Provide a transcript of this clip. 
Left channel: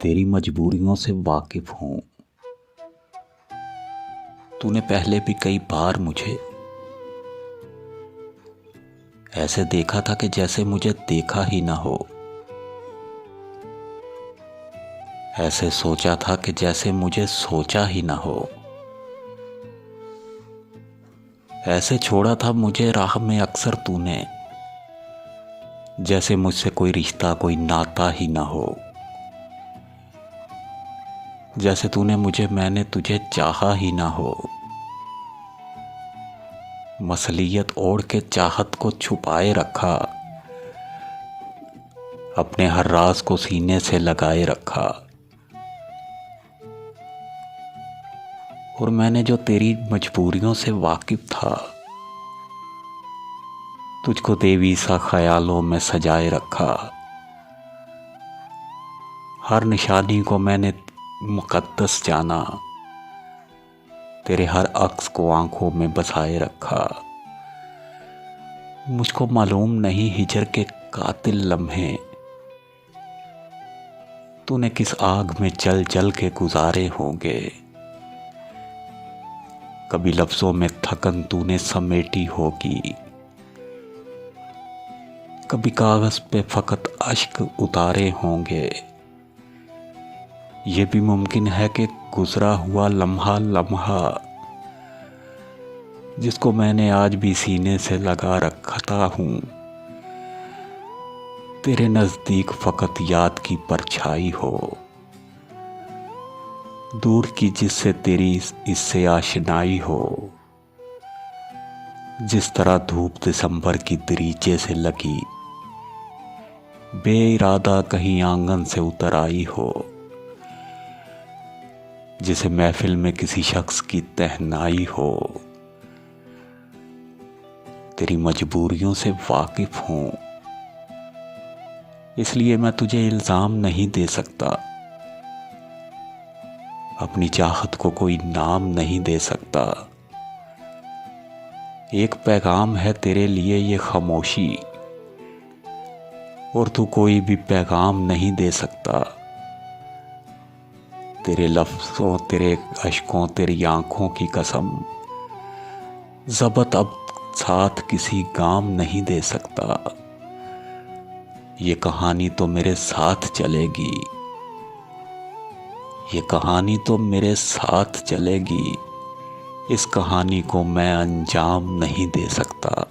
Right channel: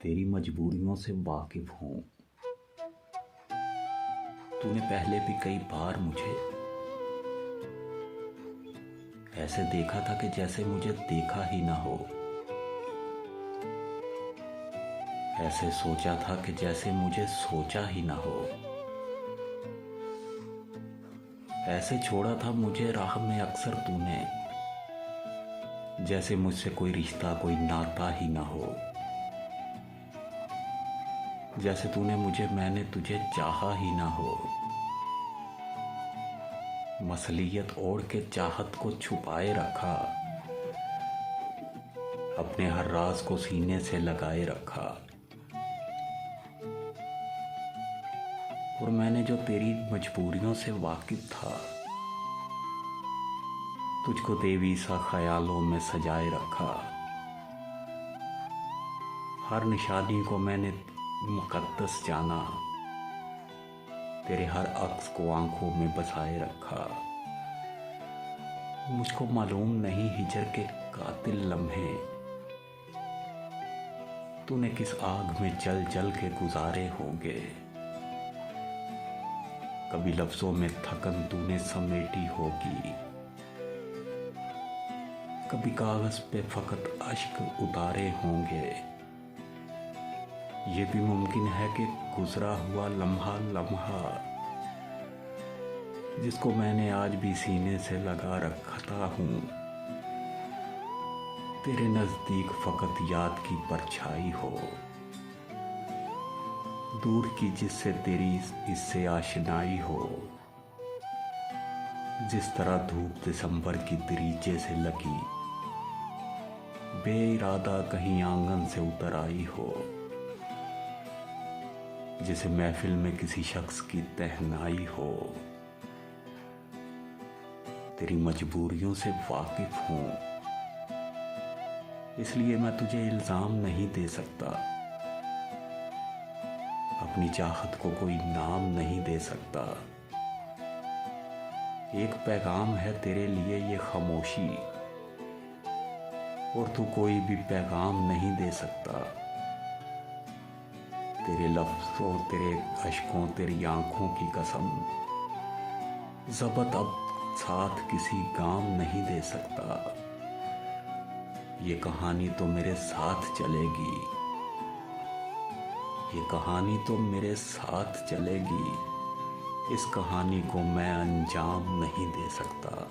तेरी मजबूरियों से वाकिफ हूँ। तूने पहले भी कई बार मुझे ऐसे देखा था कि जैसे मुझे देखा ही ना हो। ऐसे सोचा था कि जैसे मुझे सोचा ही ना हो। ऐसे छोड़ा था मुझे राह में अक्सर तूने, जैसे मुझसे कोई रिश्ता कोई नाता ही ना हो। जैसे तूने मुझे मैंने तुझे चाहा ही ना हो। मसलियत ओढ़ के चाहत को छुपाए रखा, अपने हर राज को सीने से लगाए रखा। और मैंने जो तेरी मजबूरियों से वाकिफ था, तुझको देवी सा ख्यालों में सजाए रखा। हर निशानी को मैंने मुकद्दस जाना, तेरे हर अक्स को आंखों में बसाए रखा। मुझको मालूम नहीं हिजर के कातिल लम्हे तूने किस आग में जल जल के गुजारे होंगे। कभी लफ्जों में थकन तूने समेटी होगी, कभी कागज पे फकत अश्क उतारे होंगे। ये भी मुमकिन है कि गुजरा हुआ लम्हा लम्हा, जिसको मैंने आज भी सीने से लगा रखता हूँ, तेरे नजदीक फकत याद की परछाई हो, दूर की जिससे तेरी इससे आशनाई हो। जिस तरह धूप दिसंबर की दरीचे से लगी, बेइरादा कहीं आंगन से उतर आई हो। जिसे महफिल में किसी शख्स की तहनाई हो। तेरी मजबूरियों से वाकिफ हूँ, इसलिए मैं तुझे इल्जाम नहीं दे सकता। अपनी चाहत को कोई नाम नहीं दे सकता। एक पैगाम है तेरे लिए ये खामोशी, और तू कोई भी पैगाम नहीं दे सकता। तेरे लफ्ज़ों तेरे अश्कों तेरी आंखों की कसम, ज़बत अब साथ किसी गाम नहीं दे सकता। ये कहानी तो मेरे साथ चलेगी, ये कहानी तो मेरे साथ चलेगी। इस कहानी को मैं अंजाम नहीं दे सकता।